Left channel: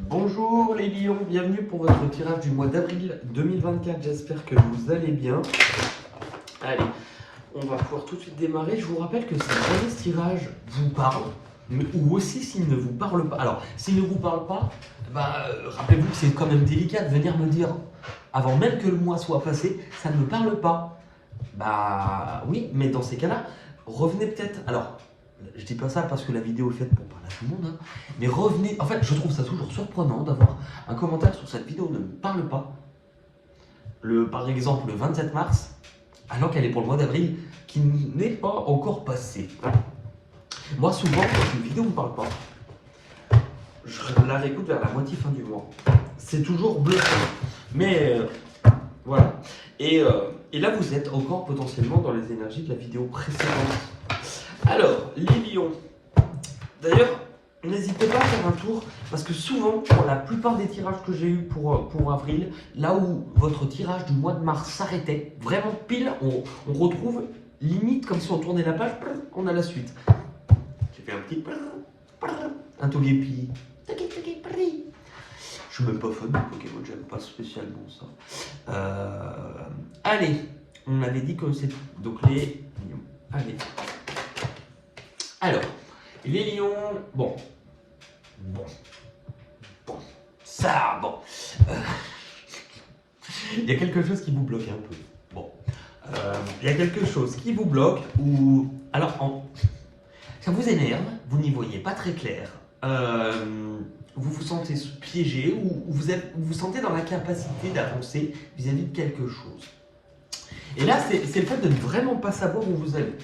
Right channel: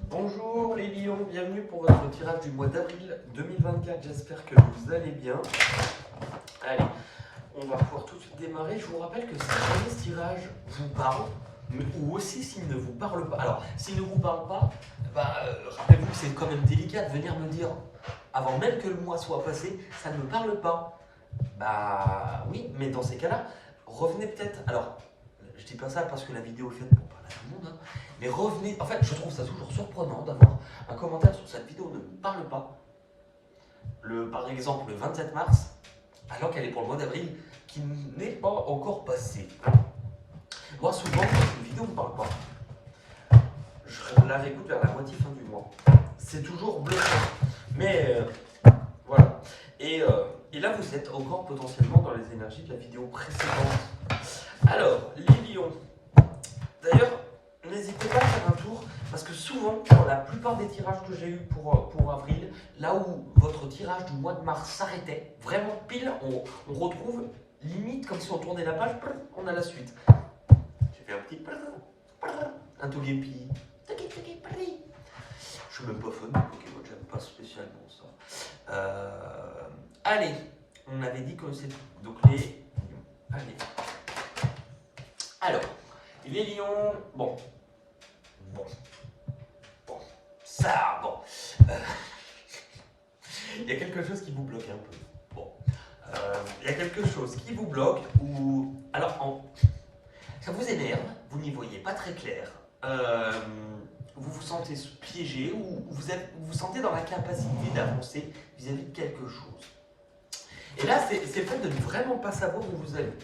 Bonjour les lions, bienvenue pour votre tirage du mois d'avril 2024, j'espère que vous allez bien. Allez, on va pouvoir tout de suite démarrer. Je vous rappelle que si jamais ce tirage vous parle, ou aussi s'il ne vous parle pas, alors s'il ne vous parle pas, rappelez-vous que c'est quand même délicat de venir me dire, avant même que le mois soit passé, ça ne me parle pas. Bah oui, mais dans ces cas-là, revenez peut-être, alors je dis pas ça parce que la vidéo est faite pour parler à tout le monde, hein, mais revenez, en fait je trouve ça toujours surprenant d'avoir un commentaire sur cette vidéo ne me parle pas, par exemple le 27 mars, alors qu'elle est pour le mois d'avril, qui n'est pas encore passé. Moi souvent quand une vidéo ne me parle pas, je la réécoute vers la moitié fin du mois. C'est toujours bluffant, mais voilà. Et là vous êtes encore potentiellement dans les énergies de la vidéo précédente. Alors, les lions. D'ailleurs, n'hésitez pas à faire un tour, parce que souvent, pour la plupart des tirages que j'ai eu pour avril, là où votre tirage du mois de mars s'arrêtait, vraiment pile, on retrouve limite comme si on tournait la page, on a la suite. J'ai fait un petit un togepi. Je suis même pas fan de Pokémon, j'aime pas spécialement ça. Allez, on avait dit que c'est donc les lions. Allez. Alors, les lions, bon, ça, bon, il y a quelque chose qui vous bloque un peu, bon, il y a quelque chose qui vous bloque, ou, alors, ça vous énerve, vous n'y voyez pas très clair, vous vous sentez piégé, ou vous vous sentez dans la capacité d'avancer vis-à-vis de quelque chose. Et là, c'est le fait de ne vraiment pas savoir où vous allez.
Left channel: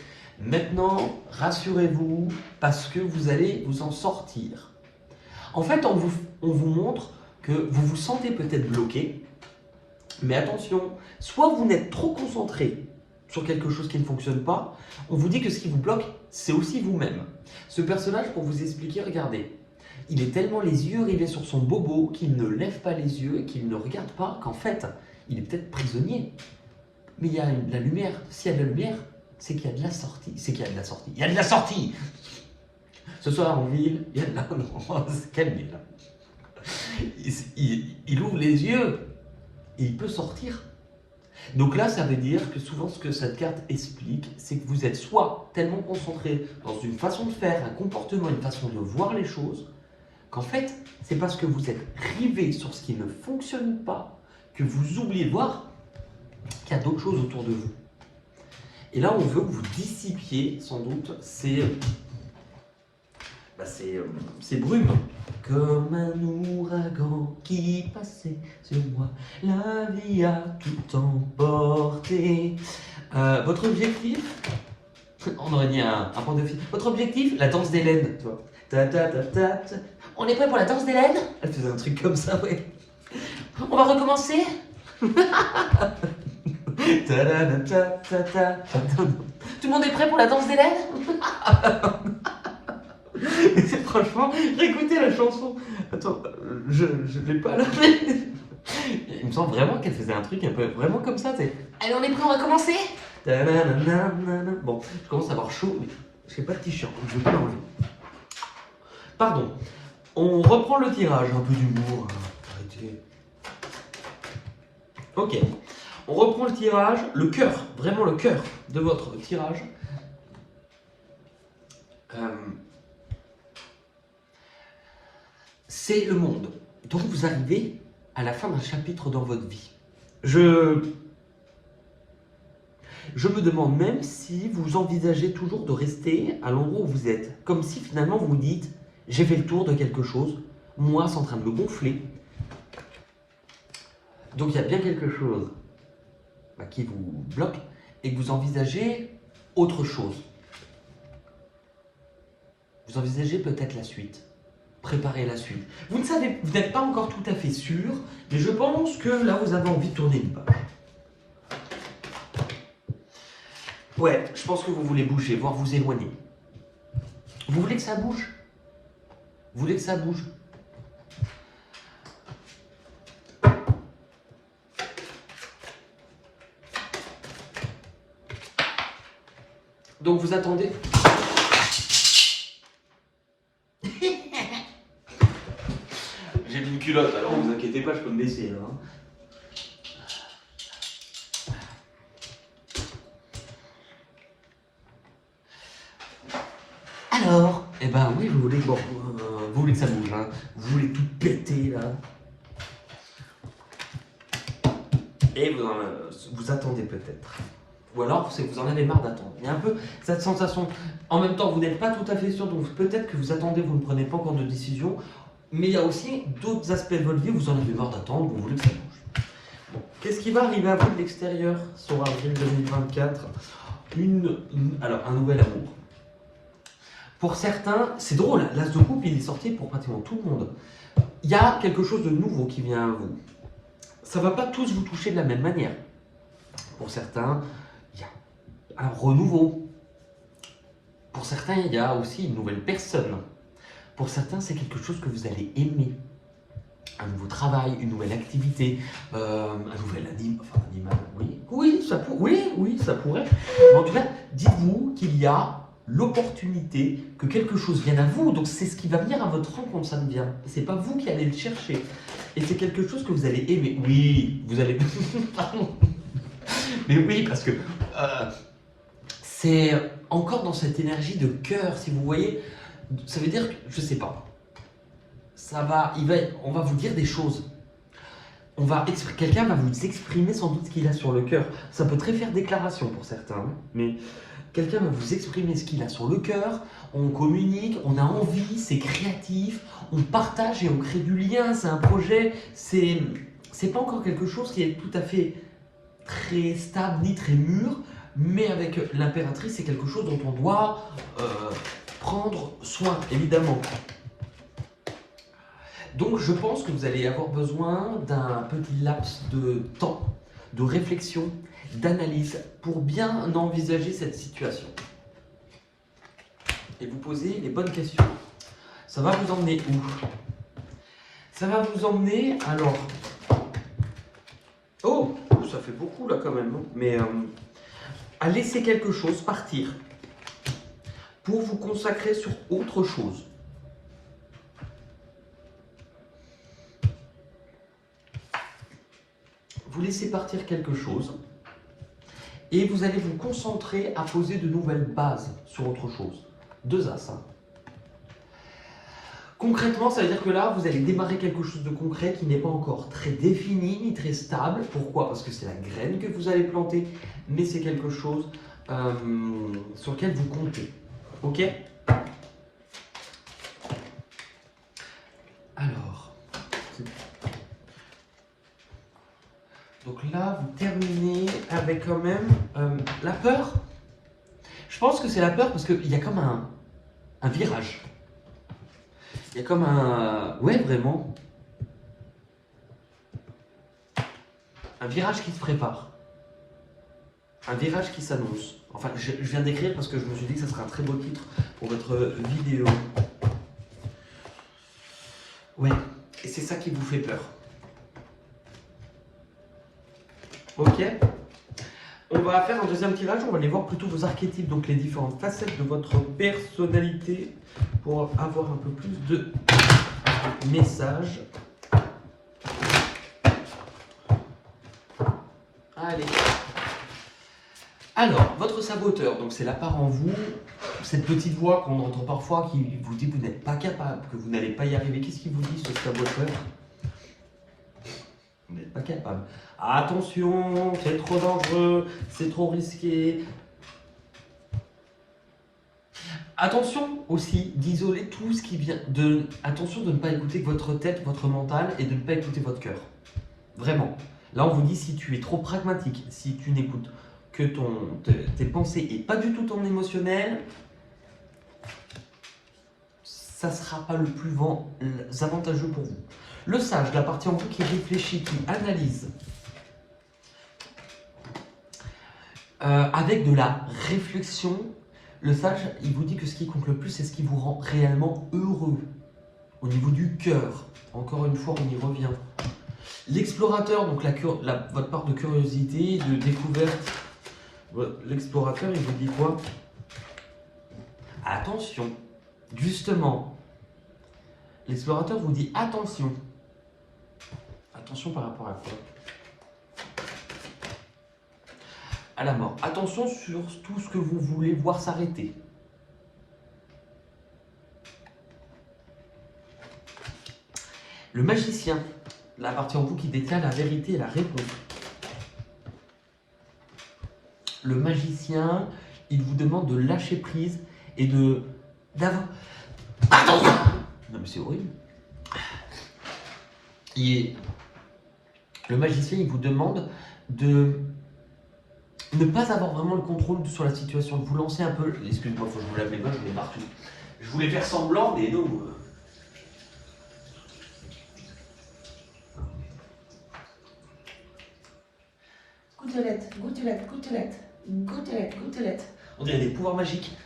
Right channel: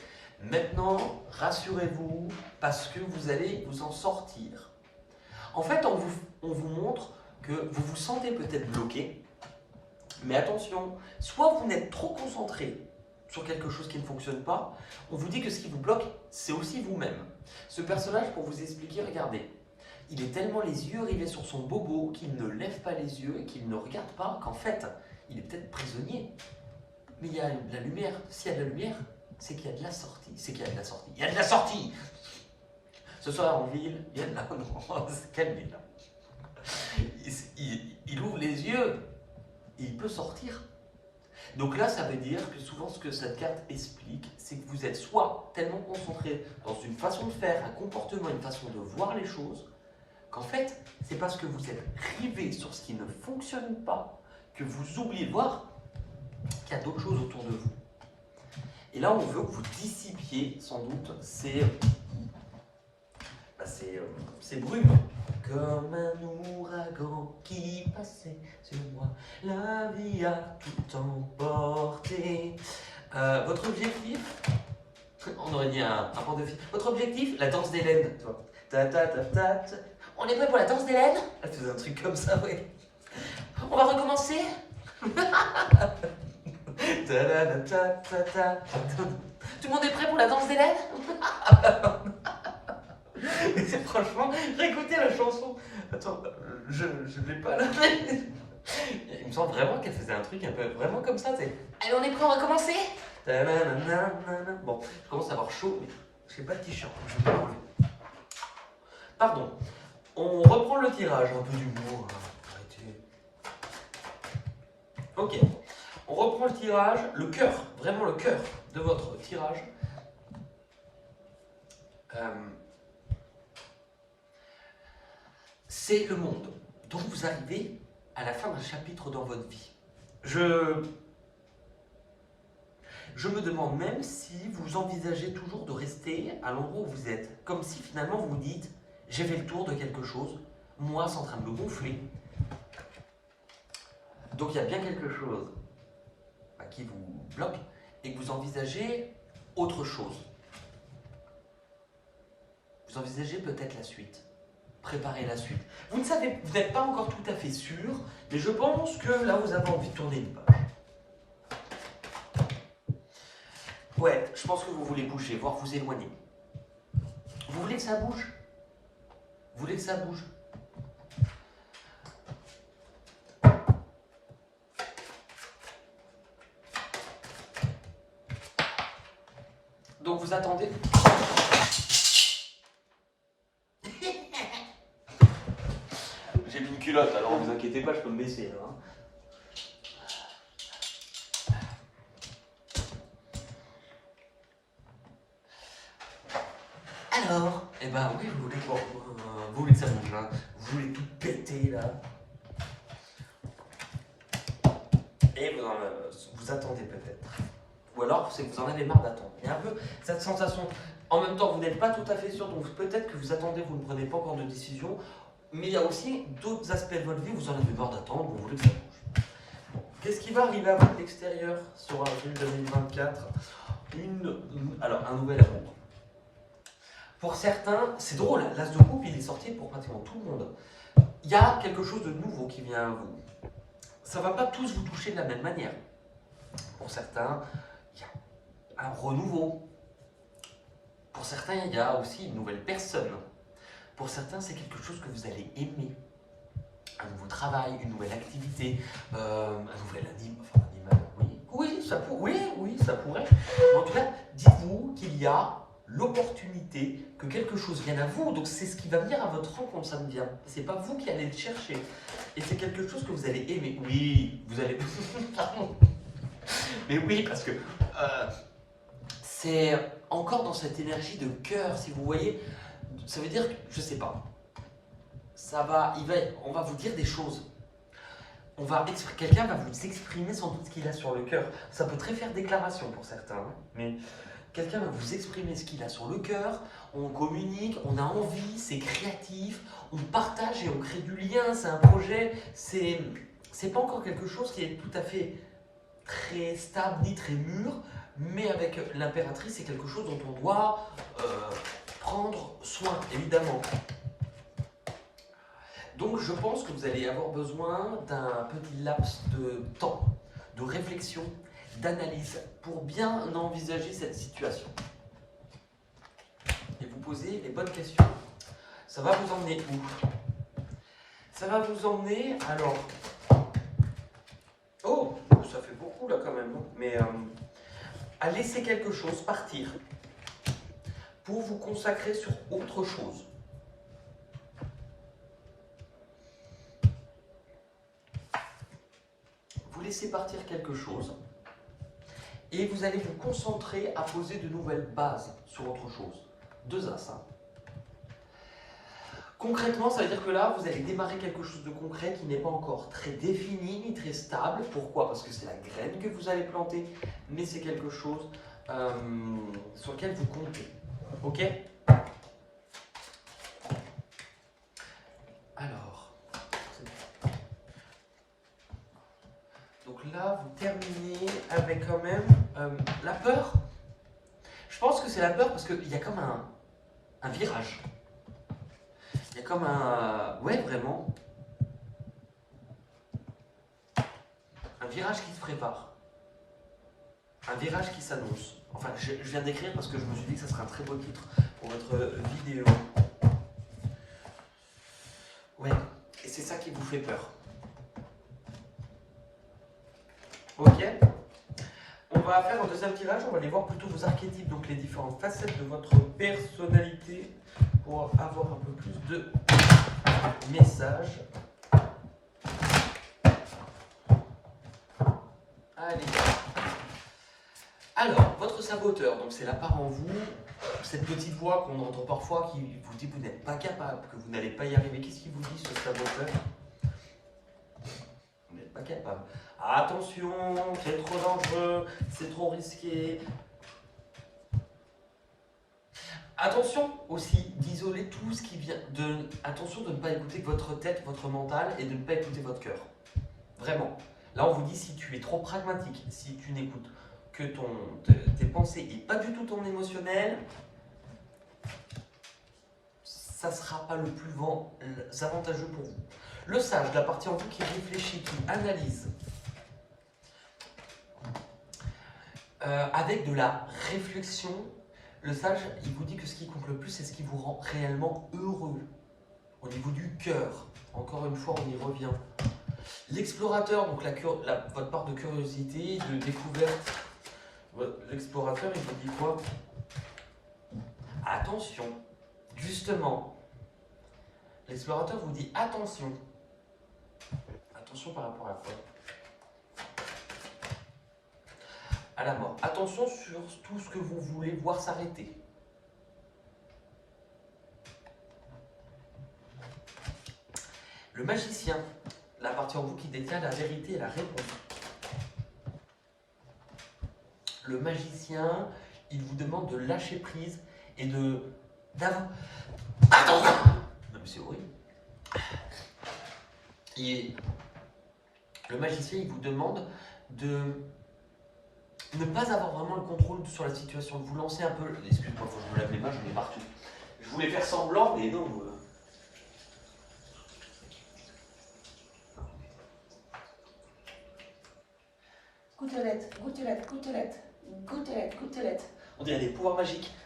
Maintenant, rassurez-vous, parce que vous allez vous en sortir. En fait, on vous montre que vous vous sentez peut-être bloqué, mais attention, soit vous n'êtes trop concentré sur quelque chose qui ne fonctionne pas, on vous dit que ce qui vous bloque, c'est aussi vous-même. Ce personnage, pour vous expliquer, regardez, il est tellement les yeux rivés sur son bobo qu'il ne lève pas les yeux et qu'il ne regarde pas, qu'en fait, il est peut-être prisonnier. Mais il y a de la lumière. S'il y a de la lumière, c'est qu'il y a de la sortie. C'est qu'il y a de la sortie. Il y a de la sortie. Ce soir en ville, il y a de la... Non, calmez là. Il ouvre les yeux et il peut sortir. Donc là, ça veut dire que souvent ce que cette carte explique, c'est que vous êtes soit tellement concentré dans une façon de faire, un comportement, une façon de voir les choses, qu'en fait, c'est parce que vous êtes rivé sur ce qui ne fonctionne pas, que vous oubliez de voir qu'il y a d'autres choses autour de vous. Et là, on veut que vous dissipiez, sans doute, ces brumes. Comme un ouragan qui passait sur moi, la vie a tout emporté. Votre objectif, on aurait dit un point de fil. Votre objectif, la danse d'Hélène, tu vois. Ta, ta, ta, ta, ta. On est prêt pour la danse d'Hélène? Elle faisait un truc comme ça, ouais. On va recommencer. Tout le monde est prêt pour la danse d'Hélène? Franchement, réécoutez la chanson. Attends, je l'ai pas là. Il me semble vraiment qu'elle faisait un truc un peu vraiment comme ça. Allez, on est prêt, on va commencer. Bon, je commence à avoir chaud, mais je n'ai pas de t-shirt, donc je vais pas l'enlever. Pardon. On reprend le tirage, un peu d'humour. Arrêtez. Ok. On reprend le tirage, le cœur, vraiment le cœur de votre tirage. C'est le monde. Donc vous arrivez à la fin d'un chapitre dans votre vie. Je me demande même si vous envisagez toujours de rester à l'endroit où vous êtes. Comme si finalement vous vous dites, j'ai fait le tour de quelque chose, moi c'est en train de me gonfler. Donc il y a bien quelque chose qui vous bloque et que vous envisagez autre chose. Vous envisagez peut-être la suite. Préparez la suite. Vous ne savez, vous n'êtes pas encore tout à fait sûr, mais je pense que là vous avez envie de tourner une page. Ouais, je pense que vous voulez bouger, voire vous éloigner. Vous voulez que ça bouge? Vous voulez que ça bouge? Donc vous attendez. J'ai mis une culotte, alors ne vous inquiétez pas, je peux me baisser. Hein. Alors, eh ben oui, vous voulez, bon, vous voulez que ça bouge, hein. Vous voulez tout péter là. Et vous attendez peut-être. Ou alors, c'est que vous en avez marre d'attendre. Il y a un peu cette sensation. En même temps, vous n'êtes pas tout à fait sûr, donc peut-être que vous attendez, vous ne prenez pas encore de décision. Mais il y a aussi d'autres aspects de votre vie, vous en avez marre d'attendre, vous voulez que ça bouge. Bon. Qu'est-ce qui va arriver à vous de l'extérieur sur avril 2024? Alors, un nouvel amour. Pour certains, c'est drôle, l'as de coupe, il est sorti pour pratiquement tout le monde. Il y a quelque chose de nouveau qui vient à vous. Ça ne va pas tous vous toucher de la même manière. Pour certains, il y a un renouveau. Pour certains, il y a aussi une nouvelle personne. Pour certains, c'est quelque chose que vous allez aimer. Un nouveau travail, une nouvelle activité, un nouvel animal. Oui, ça pourrait. Mais en tout cas, dites-vous qu'il y a l'opportunité que quelque chose vienne à vous. Donc c'est ce qui va venir à votre rencontre, ça ne vient. C'est pas vous qui allez le chercher. Et c'est quelque chose que vous allez aimer. Oui, vous allez. Pardon. Mais oui, parce que c'est encore dans cette énergie de cœur, si vous voyez. Ça veut dire que, je sais pas. On va vous dire des choses. Quelqu'un va vous exprimer sans doute ce qu'il a sur le cœur. Ça peut très faire déclaration pour certains, hein, mais quelqu'un va vous exprimer ce qu'il a sur le cœur. On communique, on a envie, c'est créatif, on partage et on crée du lien. C'est un projet. C'est pas encore quelque chose qui est tout à fait très stable ni très mûr, mais avec l'impératrice, c'est quelque chose dont on doit prendre soin, évidemment. Donc je pense que vous allez avoir besoin d'un petit laps de temps, de réflexion, d'analyse pour bien envisager cette situation. Et vous poser les bonnes questions. Ça va vous emmener où? Ça va vous emmener, alors... Oh, ça fait beaucoup là quand même, hein. Mais à laisser quelque chose partir pour vous consacrer sur autre chose. Vous laissez partir quelque chose et vous allez vous concentrer à poser de nouvelles bases sur autre chose. 2 As. Hein. Concrètement, ça veut dire que là, vous allez démarrer quelque chose de concret qui n'est pas encore très défini ni très stable. Pourquoi? Parce que c'est la graine que vous allez planter, mais c'est quelque chose sur lequel vous comptez. Ok? Alors, donc là, vous terminez avec quand même la peur. Je pense que c'est la peur parce qu'il y a comme un virage. Il y a comme un... Ouais, vraiment. Un virage qui se prépare. Un virage qui s'annonce. Enfin, je viens d'écrire parce que je me suis dit que ça serait un très beau titre pour votre vidéo. Ouais, et c'est ça qui vous fait peur. Ok? On va faire un deuxième tirage, on va aller voir plutôt vos archétypes, donc les différentes facettes de votre personnalité pour avoir un peu plus de messages. Allez. Alors, votre saboteur, donc c'est la part en vous, cette petite voix qu'on entend parfois qui vous dit que vous n'êtes pas capable, que vous n'allez pas y arriver. Qu'est-ce qui vous dit ce saboteur? Vous n'êtes pas capable. Attention, c'est trop dangereux, c'est trop risqué. Attention aussi d'isoler tout ce qui vient de... Attention de ne pas écouter votre tête, votre mental et de ne pas écouter votre cœur. Vraiment. Là, on vous dit si tu es trop pragmatique, si tu n'écoutes que tes pensées et pas du tout ton émotionnel, ça ne sera pas le plus avantageux pour vous. Le sage, la partie en vous qui réfléchit, qui analyse, avec de la réflexion, le sage, il vous dit que ce qui compte le plus, c'est ce qui vous rend réellement heureux, au niveau du cœur. Encore une fois, on y revient. L'explorateur, donc votre part de curiosité, de découverte, l'explorateur, il vous dit quoi? Attention, justement, l'explorateur vous dit attention. Attention par rapport à quoi? À la mort. Attention sur tout ce que vous voulez voir s'arrêter. Le magicien, la partie en vous qui détient la vérité et la réponse. Le magicien, il vous demande de lâcher prise et d'avoir... Pardon. Non mais c'est horrible. Le magicien, il vous demande de ne pas avoir vraiment le contrôle sur la situation, de vous lancer un peu... Excuse-moi, il faut que je me lave les mains, je mets partout. Je voulais faire semblant, mais non. Gouttelette, gouttelette, gouttelette, gouttelette, gouttelette. On dirait des pouvoirs magiques.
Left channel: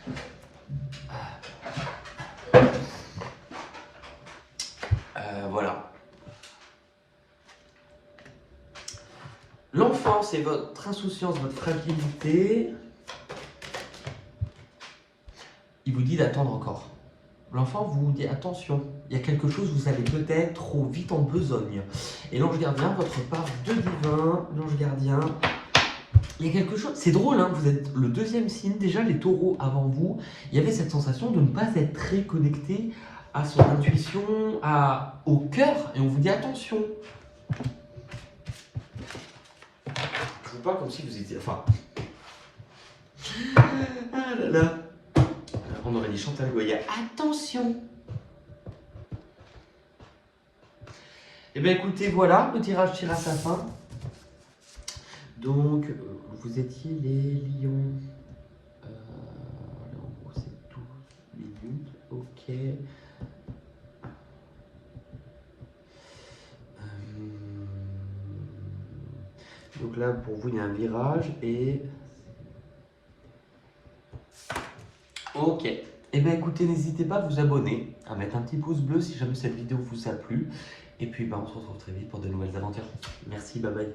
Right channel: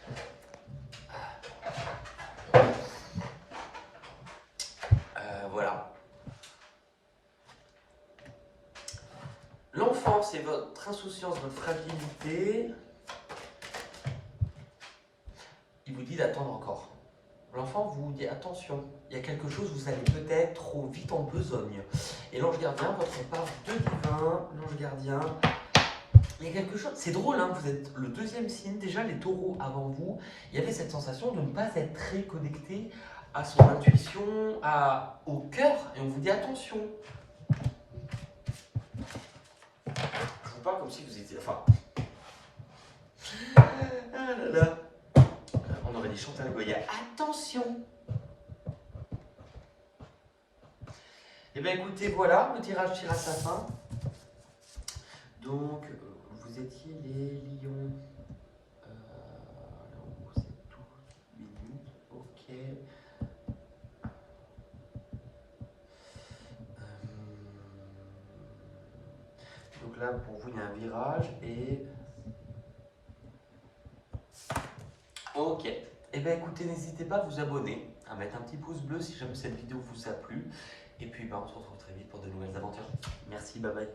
Voilà. L'enfant, c'est votre insouciance, votre fragilité. Il vous dit d'attendre encore. L'enfant vous dit attention, il y a quelque chose, vous allez peut-être trop vite en besogne. Et l'ange gardien, votre part de divin, l'ange gardien, il y a quelque chose, c'est drôle, hein, vous êtes le deuxième signe, déjà les taureaux avant vous, il y avait cette sensation de ne pas être très connecté à son intuition, au cœur, et on vous dit attention. Je vous parle comme si vous étiez, enfin... Ah là là. On aurait dit Chantal Goya. Attention! Eh bien écoutez, voilà, le tirage tire à sa fin. Donc, vous étiez les lions. Là, en gros, c'est 12 minutes. Ok. Donc là, pour vous, il y a un virage et... Ok. Eh bien écoutez, n'hésitez pas à vous abonner, à mettre un petit pouce bleu si jamais cette vidéo vous a plu. Et puis on se retrouve très vite pour de nouvelles aventures. Merci, bye bye.